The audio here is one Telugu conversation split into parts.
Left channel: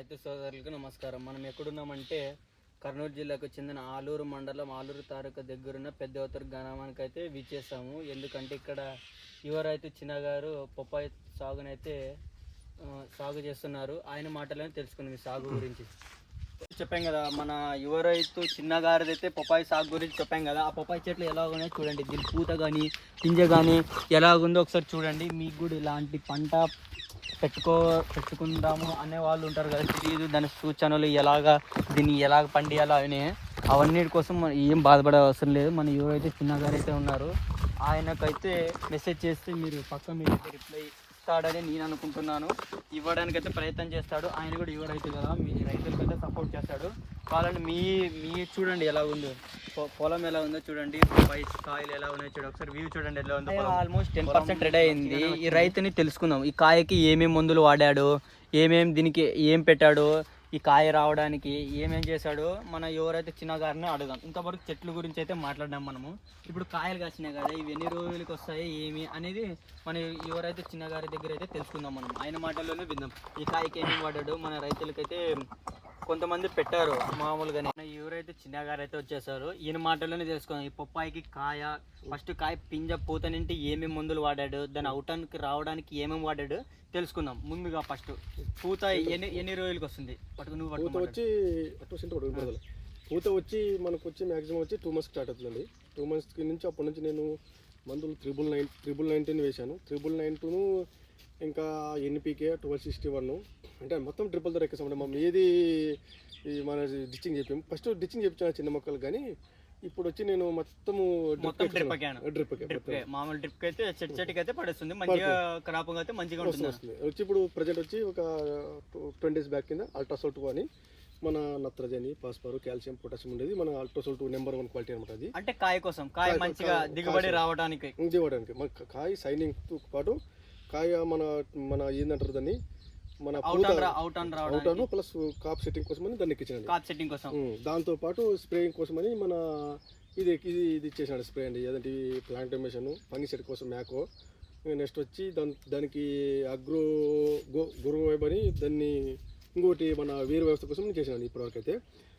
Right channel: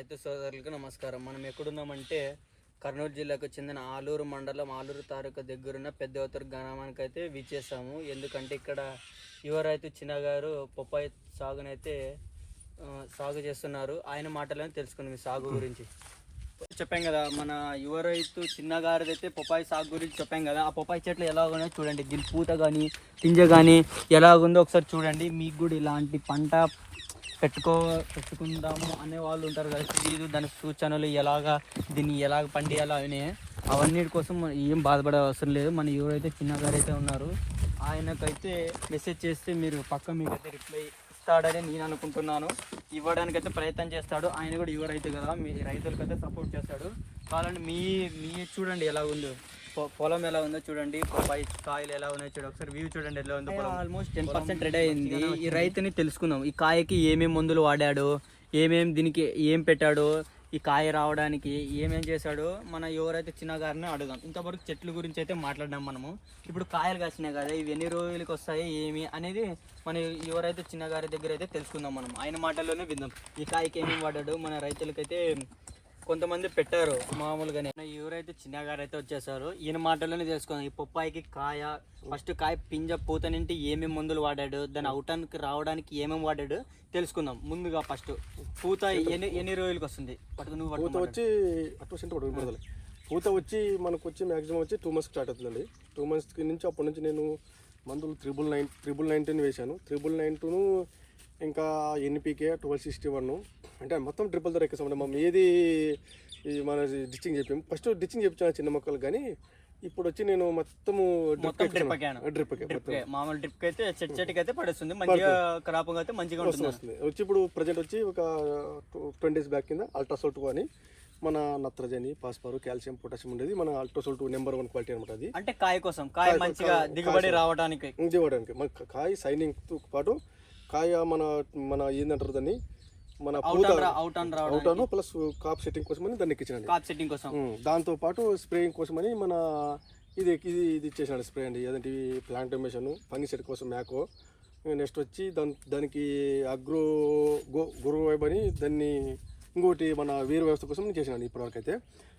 రైతు సోదరులకు నమస్కారం. మనం ఎక్కడున్నామంటే కర్నూలు జిల్లాకు చెందిన ఆలూరు మండలం ఆలూరు తాలూకా దగ్గరున్న పెద్దవతరు గ్రామానికి అయితే విచ్చేసాము ఎందుకంటే ఇక్కడ యువ రైతు చిన్న గారు పొప్పాయి సాగునైతే సాగు చేస్తున్నారు. ఆయన మాటలను తెలుసుకుంది సాగు గురించి. చెప్పాం కదా మన యువ రైతు చిన్న గారిది అయితే పొప్పాయి సాగు గురించి చెప్పాం కదా. ఆ పొప్పాయి చెట్లు ఎలా ఉన్నాయో చూడండి. దీని పూత కానీ పింజ కానీ ఎలా ఉందో ఒకసారి చూడండి. మీకు కూడా ఇలాంటి పంట పెట్టుకో పెట్టుకుందాము అనే వాళ్ళు ఉంటారు కదా తెలియదు దాని సూచనలు ఎలాగా దీన్ని ఎలాగ పండియాలో అని. అవన్నిటి కోసం మనం ఏం బాధపడే అవసరం లేదు. మన ఎవరైతే చిన్నగారు అయితే ఉన్నారు. ఆయనకైతే మెసేజ్ చేస్తే మీరు పక్క మీకు రిప్లై ఇస్తాడని నేను అనుకుంటున్నాను. ఇవ్వడానికి అయితే ప్రయత్నం చేస్తాడు. ఆయన కూడా యువ రైతు కదా. మీ రైతులకైతే సపోర్ట్ చేస్తాడు. వాళ్ళని మీ మీ చూడండి ఎలా ఉందో. పొలం ఎలా ఉందో చూడండి. పై కాయలు ఎలా ఉన్నాయో చూడండి. ఒకసారి వ్యూ చూడండి ఎలా ఉందో పొలం. ఆల్మోస్ట్ టెన్ పర్సెంట్ రెడీ అయింది. ఈ రైతుని తెలుసుకుందాం. ఈ కాయకి ఏమేమి మందులు వాడాడు? ఏమేమి దీనికి ఏం పెట్టాడు? ఈ కాయ రావడానికి ఏమేం చేశాడు మన ఎవరైతే చిన్న గారిని అడుగుదాం. ఇంతవరకు చెట్ల గురించి అయితే మాట్లాడినాం మనము. ఇప్పుడు కాయలు కాసినాయి కదా ఇవి ఎన్ని రోజులకి వస్తాయి ఏమి అనేది మన ఎవరైతే చిన్న గారి దగ్గర అయితే తెలుసుకుందాం మనం. ఆయన మాటల్లోనే విందాం. ఈ కాయకి ఏమేమి వాడాడు మన రైతులకైతే కొంతమంది పెట్టారు మామూలుగానే. ఎవరైతే చిన్న గారు అయితే వచ్చేసారు. ఈయన మాటల్లోనే తెలుసుకుందాం. ఈ పొప్పాయికి కాయ ఫస్ట్ కాయ పింజ పూత నుండి ఏమేమి మందులు వాడాడు దాని అవటానికి రావడానికి ఏమేమి వాడాడు తెలుసుకుందాం. ముందుగా ఫస్ట్ పూత ఎన్ని ఎన్ని రోజులకి వస్తుంది? పట్టుకు నువ్వు పూత వచ్చి పూత వచ్చి మనకు వచ్చి మ్యాక్సిమం వచ్చి టూ మంత్స్ స్టార్ట్ అవుతుందండి. టూ మంత్స్కి నుంచి అప్పటి నుంచి నేను మందులు త్రిబుల్ నైన్ త్రిబుల్ నైన్టీన్ వేశాను. త్రిబుల్ నైన్టీను ఇంకా ఎన్పికే ట్వెల్వ్ సిక్స్టీ వన్ అంటే మొత్తం ట్రిపుల్ ధర ఎక్కేసామండి మనం ఏది ఈ మన డిచ్చింగ్ చెప్పాము. ఫస్ట్ డిచ్చింగ్ చెప్తాను చిన్న మొక్కలు కానీ ఇప్పుడు వచ్చి నేను మొత్తము మొత్తం డ్రిప్ మామూలు డ్రిప్ అయితే చెట్టు చెట్టుకి అయితే పడుస్తుంది. మంచిగా క్రాప్ అయితే మంచిగా వస్తుంది వచ్చి ఇప్పుడు ప్రజెంట్ వచ్చి ఒక ట్వంటీ డేస్ బ్యాక్ కింద అల్ట్రాసోల్ టూ అని మన నత్రజని ఫాస్ఫర్ కాల్షియం పొటాషియం ఉండేది. మన Ultrasol two number one quality అనమాట అది. అంటే కాయ కోసం కాయ మంచిగా దిగుబడి రావడానికి. మన కాయ సైనింగ్తో పాటు కాయ మన మన ఏందంటారు దాన్ని? మన అవుట్ పూత out and plus cap setting కోసమని దాన్ని ఎక్కించండి కాప్ సెట్టింగ్ కోసం. దాంతో పాటు స్ప్రేయింగ్ కోసమని మన ఇది ఇది ఇది ఇచ్చేసాడు స్ప్రే అండి. అదేంటి? ప్లాంటమేషన్ ఫంగిసైడ్ కోసం మ్యాకో. నెక్స్ట్ వచ్చి దాని దానికి అగ్రో గో గురు వైబ్ అని దాన్ని ఇంకోటి మన వీరు వ్యవస్థ కోసం నేను చేసినాను ఇప్పటివరకు అయితే.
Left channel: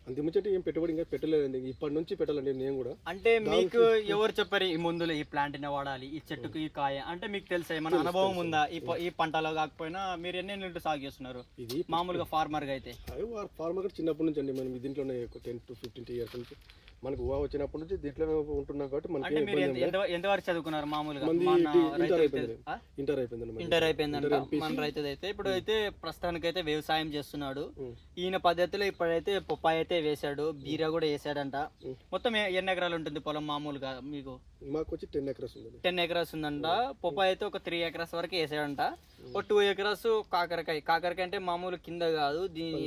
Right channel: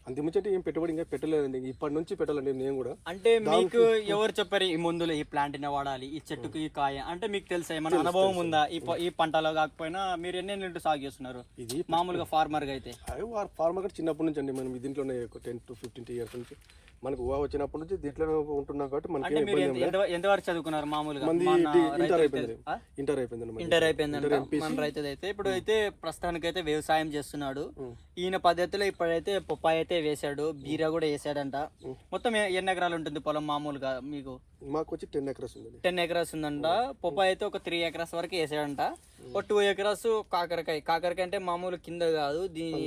అంత ముచ్చటి ఏం పెట్టుబడి ఇంకా పెట్టలేదండి. ఇప్పటి నుంచి పెట్టాలండి నేను కూడా. అంటే మీకు ఎవరు చెప్పారు ఈ మందులు ఈ ప్లాంట్ని వాడాలి ఈ చెట్టుకు ఈ కాయ? అంటే మీకు తెలుసా ఏమైనా అనుభవం ఉందా? ఈ పంటలో కాకపోయినా మీరు ఎన్ని నెలలు సాగు చేస్తున్నారు? ఇది మామూలుగా ఫార్మర్గా అయితే. ఫార్మర్ చిన్నప్పటి నుంచి అండి మనం దీంట్లోనే టెన్ టు ఫిఫ్టీన్ ఇయర్స్ నుంచి మనకు ఊహ వచ్చినప్పటి నుంచి దీంట్లోనే ఉంటున్నాం కాబట్టి మనకి ఎంతవరకు చదువుకున్నారు మామూలుగా? మంది ఇంటర్ అయిపోయింది? ఇంటర్ అయిపోయిందండి మనది. Inter MPC. మన రైతు అయితే. ఇప్పుడు అయితే ప్రస్తుతానికి అయితే వ్యవసాయం చేస్తున్నాడు. ఉం. ఈయన పద్ధతిలో ఇప్పుడైతే పొప్పాయి అయితే వేశాడు. బీర కూడా వేసాడంట. మొత్తం ఎన్ని ఎకరాలు ఉంటుంది పొలం మామూలుగా మీకు? మాకు వచ్చి టెన్ ఎకర్స్ ఉందండి. టెన్ ఎకరాస్ ఉందంట. పొప్పాయి అయితే ఒక త్రీ ఎకరాస్ వరకు వేసాడంట. ఒక టూ ఎకరాస్ కాకరకాయ. కాకరకాయ అంటే మామూలు కింద కాదు దీని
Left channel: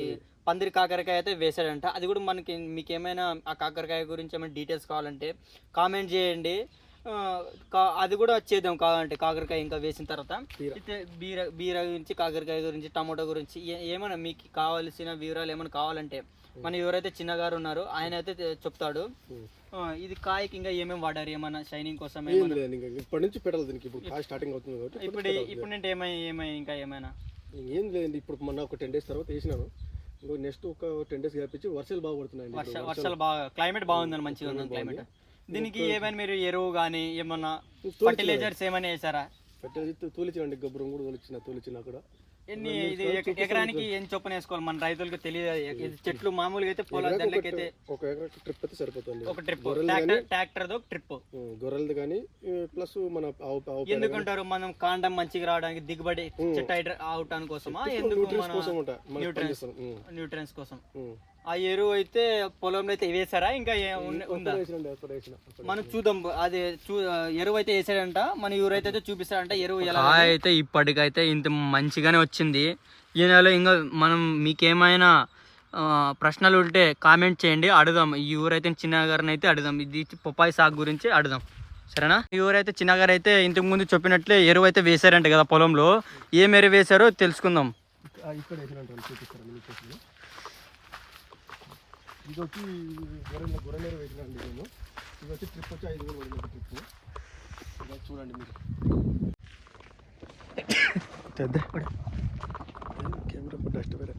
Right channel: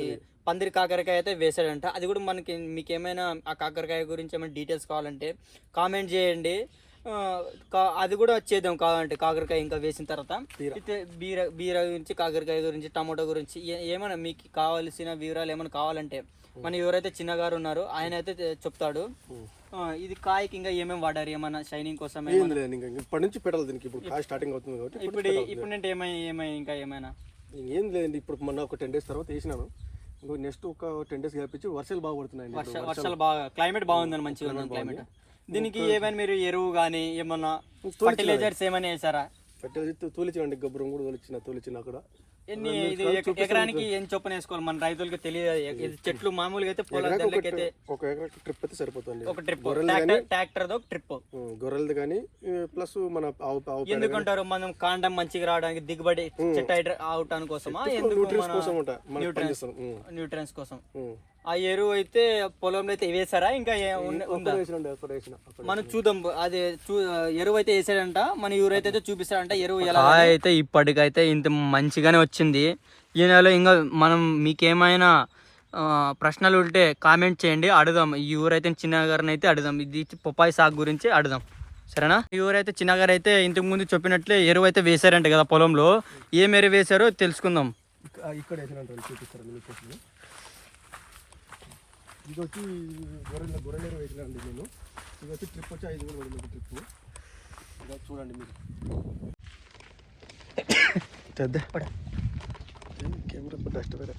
పందిరి కాకరకాయ అయితే వేసాడంట అది కూడా మనకి మీకు ఏమైనా ఆ కాకరకాయ గురించి ఏమైనా డీటెయిల్స్ కావాలంటే కామెంట్ చేయండి. అది కూడా చేద్దాం కావాలంటే కాకరకాయ ఇంకా వేసిన తర్వాత. బీర. బీర గురించి కాకరకాయ గురించి టమాటో గురించి ఏమైనా మీకు కావాల్సిన వివరాలు ఏమైనా కావాలంటే మన ఎవరైతే చిన్నగారు ఉన్నారో ఆయన అయితే చెప్తాడు. ఇది కాయకి ఇంకా ఏమేమి వాడారు? ఏమైనా షైనింగ్ కోసం ఇప్పటి నుంచి పెట్టాలి దీనికి. ఇప్పుడు కాయ స్టార్టింగ్ అవుతుంది కాబట్టి ఇప్పుడు ఇప్పుడు అంటే ఏమై ఏమై ఇంకా ఏమైనా? ఏం లేదండి ఇప్పుడు మొన్న ఒక టెన్ డేస్ తర్వాత వేసినాను. ఇంకో నెక్స్ట్ ఒక టెన్ డేస్ గ్యాపించి వర్షాలు బాగా ఇప్పుడు. వర్షాలు. బాగా క్లైమేట్ బాగుందని మంచిగా ఉంది క్లైమేట్ దీనికి ఏమైనా మీరు ఎరువు కానీ ఏమన్నా ఫర్టిలైజర్స్ ఏమైనా వేసారా పెట్టేది తోలిచ్చినండి గొబ్బరం కూడా తోలిచ్చిన తోలిచ్చిన అక్కడ ఎన్ని ఇది ఎక- ఎకరానికి ఎన్ని చొప్పున వేసుకోవాలి? మన రైతులకు తెలియదు. చెట్లు మామూలుగా అయితే పొలం ఎకరాకు దాంట్లోకి ఒక అయితే ఒక ఎకరా ట్రిప్ అయితే సరిపోతుంది. ఒక ట్రిప్. ట్రాక్టర్ ఒక ట్రిప్. గొర్రెలది కానీ ప్లస్ మన ఎందుకంటారు? మనం కాండం మంచిగా రావడానికి దిగుబడి చెట్టు అవటానికి కోసమా ఎందుకు న్యూట్రియన్స్ కోసం న్యూట్రియన్స్ కోసం. ఆ ఎరువు అయితే పొలంలో అయితే వేసారా ఇంకా ఉందా? మనం చూద్దాం. అదే చూ ఎరువు అయితే వేసాడంట. మన ఎవరైతే అయితే చూపిస్తాడంట ఎరువు ఎలా అయితే ఇప్పటికైతే ఇంత మంచిగానే వచ్చింది. ఈ నెల ఇంకా మనం మీకేమైనా ప్రశ్నలు ఉంటే కామెంట్ చేయండి. అడుగుదాం. ఈ ఊరైతే చిన్న గారిని అయితే అడుగుదాం. ఇది పొప్పాయి సాగు గురించి అడుగుదాం. సరేనా? ఈ ఊరైతే చిన్న గారు అయితే ఇంతకు ముందు చెప్పినట్లే ఎరువు అయితే వేశారంట కదా పొలంలో. ఏం ఎరువు వేశారో తెలుసుకుందాం. ఇక్కడ ఇది వచ్చి గొర్రెల గొర్రెల వేసినండి నేను. ఇది వచ్చి ట్రిప్ వచ్చి ఐదు వేలు పడింది ఒక ట్రిప్ ఇలా చూడండి మీరు. పెద్ద కెమెరా డస్ట్ వేరే.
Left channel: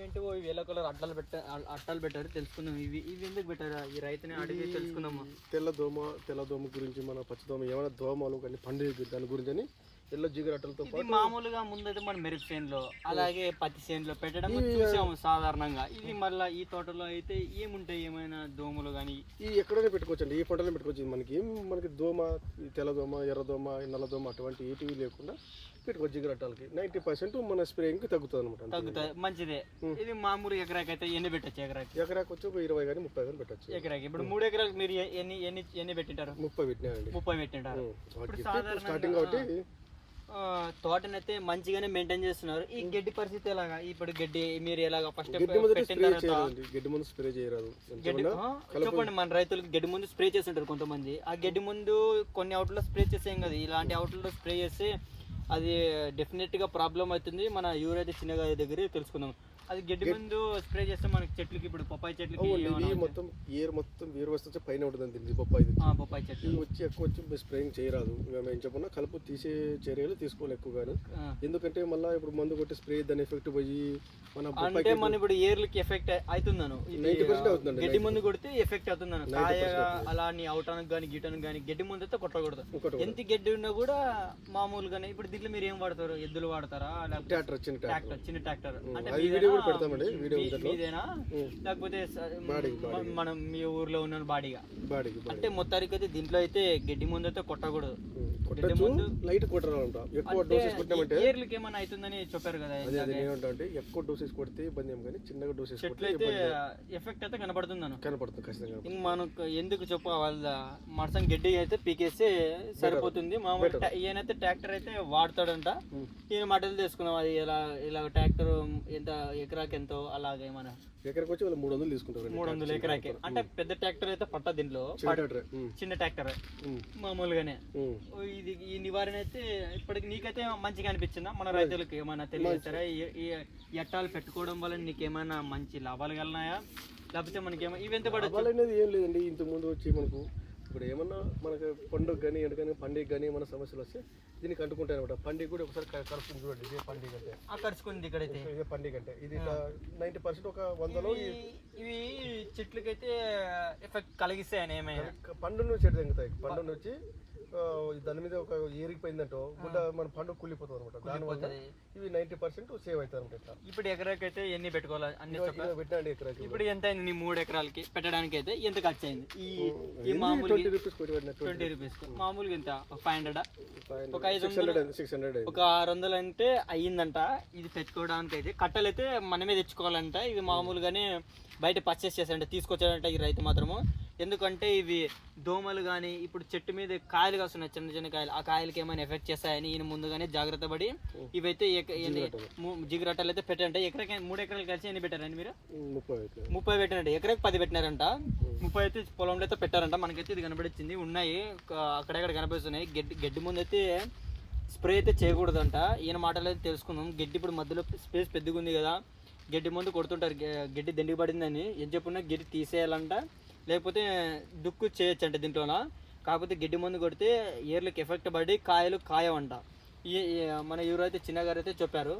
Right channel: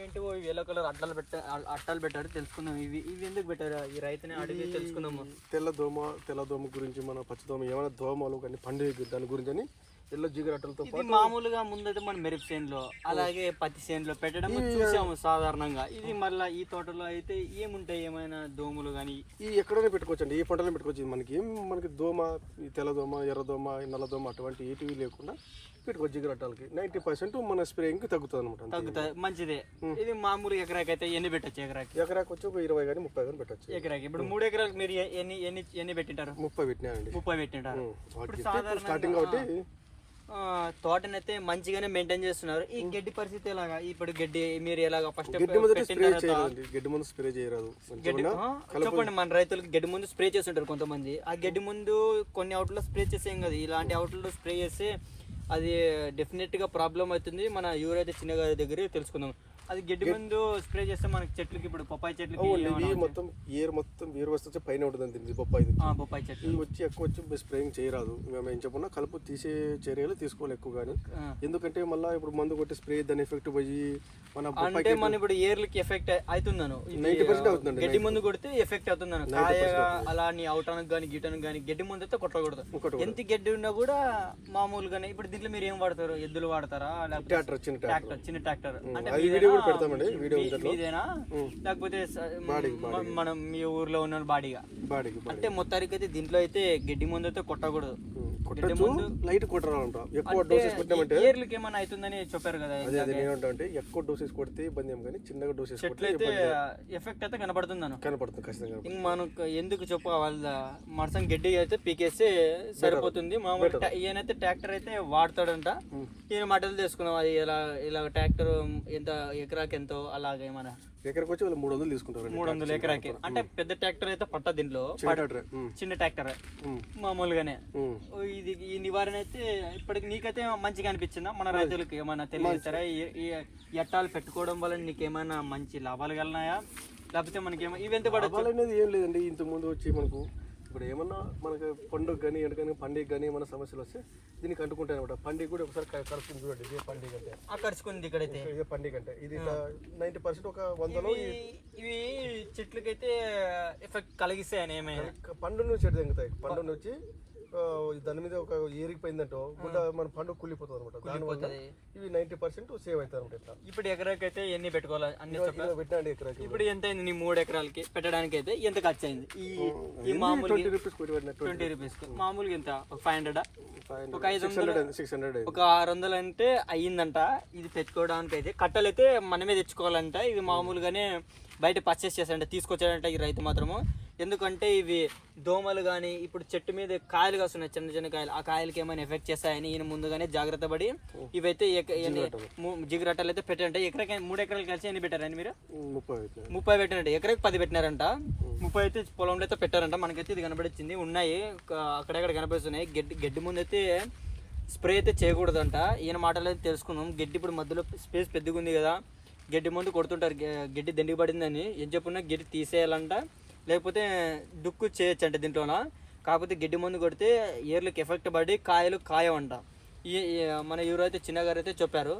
ఏంటి ఎల్లో కలర్ అట్టాలు పెట్ట అట్టాలు పెట్టారు తెలుసుకుందాం. ఇవి ఇవి ఎందుకు పెట్టారు? ఈ రైతుని అడిగి తెలుసుకుందాము. తెల్ల దోమ తెల్ల దోమ గురించి మన పచ్చ దోమ ఏమైనా దోమలు కానీ పండుగ దాని గురించి అని ఎల్లో జిగరట్టలతో ఇది మామూలుగా ముందైతే మన మెరుపు చేనులో అలాగే పత్తి చేనులో పెట్టడం చూసాము సాధారణంగా. ఇది మళ్ళీ ఈ తోటలో అయితే ఏముంటాయి? ఏమైనా దోమలు కానీ ఈ ఎక్కడైనా పెట్టుకోవచ్చు అండి ఈ పంటలో పెట్టుకోవచ్చు. మనకి మనకి దోమ ఈ తెల్ల దోమ ఎర్ర దోమ నల్ల దోమ అటువంటి ఏటివి లేకుండా పెట్టుకోవచ్చు జిగరట్టాలకి నైంటీ పర్సెంట్ మన స్ప్రేయింగ్కి తగ్గుతుంది అనమాట తగ్గుతాయి మంచిదే. ఇది మామూలు ఎకరాకి అయితే ఎన్ని పెట్టచ్చు ఎకరాకి? ఎకరాకి వచ్చి ఒక ఇరవై కానీ ముప్పై కానీ పెట్టచ్చు. ఎకరాకి. ఇప్పుడు మూడు ఎకరాలు మీరు ఎన్ని ఎన్ని ఎన్ని పెట్టింటారు? ముప్పై పెట్టినాయండి ముప్పై పెట్టింటారు? స్టార్టింగ్ కాబట్టి తోటనైతే మంచిగానే మెయింటైన్ చేస్తున్నారు. ఈ గడ్డి పరిస్థితి ఎలాగా? ఇప్పుడు గడ్డి మీరు ఎలాగా ఫస్ట్ గడ్డి ముందు స్ప్రే తర్వాత చేయరాదండి. గడ్డి ముందు స్ప్రే చేయరాదు. చెప్పండి మన రైతులకు గడ్డి ముందు స్ప్రే చేస్తుంటారు కొంతమంది. ఆ గడ్డి ముందు కొన్ని అవుట్లో స్ప్రే చేసేం కదా. ఇలాంటి అవుట్లో స్ప్రే చేస్తే అది డెఫినెట్గా ప్రాబ్లం అవుతుంది. మన యూరైతే చిన్నగారి దగ్గర తెలుసుకుందాం. అది గడ్డి ముందు స్ప్రే చేస్తే మనకి చెట్లకి ఇప్పుడు పప్పాయి చెట్లకి ఇవి మొత్తం ఏర్ మొత్తం వేరు వస్తే పైన ఉంటుంది దీనికి బొప్పాయి ఆ, పప్పాయి చెట్లు ఇవి వచ్చి ఎక్కువ వచ్చి స్ప్రేయింగ్ చేయరాదు. మేము ఏం చెప్పినా కలుపు తీసే చర్యలు తీసుకోవాలి ఎక్కువ కానీ ఆ. ఎందుకంటే మళ్ళీ ఇప్పుడు మందు కొట్టి స్ప్రే దాని ఎఫెక్ట్ పోయి మన బొప్పాయి అంటే మన ఇప్పుడు ఏర్లకి ఎఫెక్ట్ అవుతున్నాను ఇది, 90% ఆ, అవుతుందండి, గడ్డి ముందు కొడితే ఎఫెక్ట్ కాయగా అలా నీ అవటానికి కానీ గిటానికి కానీ గడ్డి ముందు అయితే కొట్టకూడదు. ఎంత గడ్డి ఉన్నా కూడా మామూలుగానే ఇప్పుడు దీంట్లో మీరు ఏం వాడతారు? ఎద్దులు వాడతారా? ట్రాక్టర్ చిన్న ట్రాక్టర్. చిన్న ట్రాక్టర్. అంటే కూడా పెడతామండి, వీడియో. మీదేనా? లేకపోతే మనం మీ ఊర్లో ఉన్న బాడీగా? బాడీకి అంటే మొత్తానికి అయితే దీంట్లో అయితే గడ్డి ముందు అయితే కొట్టకూడదు. కొట్టచ్చు లైట్ కొట్టరాలంట ఎక్కువ డోసెస్ ఏర్లకి ఏమైనా అవుతుందని చెప్పారు కదా అదే అదే నేను అంటే ఎక్కువ డోసెస్ కొడితే ఇబ్బంది ఏం కానీ చిన్నగా డోసెస్ అయితే ఎఫెక్ట్ అయితే కనబడుతుందను కనపడుతుంది ఖచ్చితంగా ఇంక మనకు ఎందుకు చెప్ప వాళ్ళ మరసం గడ్డి అయితే పీకేస్తే సరిపోతుంది. మామూలు ఈయనైతే ట్రాక్టర్ అయితే వాడతాడంట. ఈయన మాటలు తీసుకున్నాం అది ఇలా ఇలా ట్రాక్టర్ ఎంత ఎకరాకి ఎంతో అలాగే మన ఎక్కడికి వచ్చి వాళ్ళు మూడు వందలు తీసుకుంటారు మూడు వందల ఎకరాకి. అంటే పెద్ద ట్రాక్టర్ అయితే పట్ట దీంట్లో. చిన్న ట్రాక్టర్ మామూలుగానే. ఇది ఈ నివారణ అయితే ఇప్పటికి నీకైతే మంచిగా అనిపించిందా? మన రైతులకు ఏమైనా తెలియజేస్తారా? ఈ- ఎట్టాలు పెట్టుకోవడం వల్ల నీకేమైనా మంచి లాభాలు కలిగినాయా లేకపోతే మనకేమో ఇవి ఎంత లాభాలు అనేది ఏం లేదండి. ఇంత ముందు వచ్చి మనకు ఇప్పుడు ఏమన్నా మనకు పండుగ కానీ ఎండకని పండుగ కానీ ఏమైనా సమస్యలు వస్తే దీనికి అంటుకుంటాయి అనమాట పండుగ కూడా ఒకసారి క- కలుపుతుంది చూడండి ఇదే పండుగ అంటే. ఆకర్షుకుంది ఇక్కడైతే. ఇదే పండుగ అంటే. ఇది నైంటీ పర్సెంట్ ఒక వందలో ఇవి చెట్లకైతే ఎఫెక్ట్ కలిగిస్తాయని ఏమైనా? పండు నుంచి చెట్టు తెంగుతాయి. పండు నుంచి దాని మీద ఒక ఏరిగిపోయిందంటో గుడ్డ మన పండు కుళ్ళిపోతుంది అనమాట దానివల్ల ఇవి నైంటీ పర్సెంట్ సేవ్ అవుతాయి అనమాట ఇట్లా. ఇప్పుడు ఎకరాకైతే ఎన్ని పెట్టుకోవాలి? అన్ని పెట్టండి ఎకరాకి. ఇప్పుడు ఎంత అయింది నీ మూడు ఎకరాలకి? పెట్టడానికి అయితే ఎంత ఖర్చు అయింది? ఈ మామూలు ట్వంటీ రూపీస్ ట్వంటీ రూపీస్ మామూలుగా ఎంత? ఒక ఫైవ్ హండ్రెడ్ ఒక ఐదు హండ్రెడ్ సిక్స్ హండ్రెడ్ ఒక ఆరు వందలు అంటే అయ్యిందంట. ఇది తెచ్చుకోవడానికి అయితే కట్టలు అయితే మనమే తెచ్చుకోవాలంట. ఇది మామూలుగానే బయట పర్చేస్ చేశాడంట తీసుకొచ్చాడంట ఈ రైతు మాత్రము. ఎందుకంటే ఇవి దోమలు కానీ ఇప్పుడు చెట్టు మీద కాయలు కాస్తున్నాయి చిన్న చిన్న కాయలు. ఆ కాయలకి ఏమైనా ఎఫెక్ట్ చేస్తాయని ఈయన ముందుగానే జాగ్రత్త పడి ఇవైతే జిగురట్టలు అయితే పెట్టారంట. ఎకరాకి మూడు ఎకరాలు కలిసి ఎన్ని పెట్టారండి మీరు? ముప్పై ముప్పై పెట్టినట్టు ఎకరాకి పది పెట్టినారంట. ముప్పై అయితే పొలంలో అయితే పెట్టారంట. మనకైతే ఇది కనబడిచ్చింది. ఉన్నాయి. అక్కడక్కడ కనబడుతున్నాయి. గడ్డి గడ్డి ముందు అయితే స్ప్రే అయితే చేయకూడదంట. ఈయన మాటలు అయితే తెలుసుకుందాం. గడ్డి ఇప్పుడు మధ్యలో స్పేస్ పెద్దగా ఉంది కదా. గడ్డి ముందు కొడుతుంటారు. గడ్డి దండికి పడిందని. ఏం చెప్పున్నా గడ్డి తీసేయాలంట. లేకపోతే దుక్కు చేయొచ్చు అంటే దీంట్లోన? కాకపోతే గడ్డి మందు కొడితే ఏర్లకు ఎఫెక్ట్ పడి కాయలు కాయవంట. ఈ ఈ మన ఎవరైతే చిన్నగారు అయితే చెప్పారు.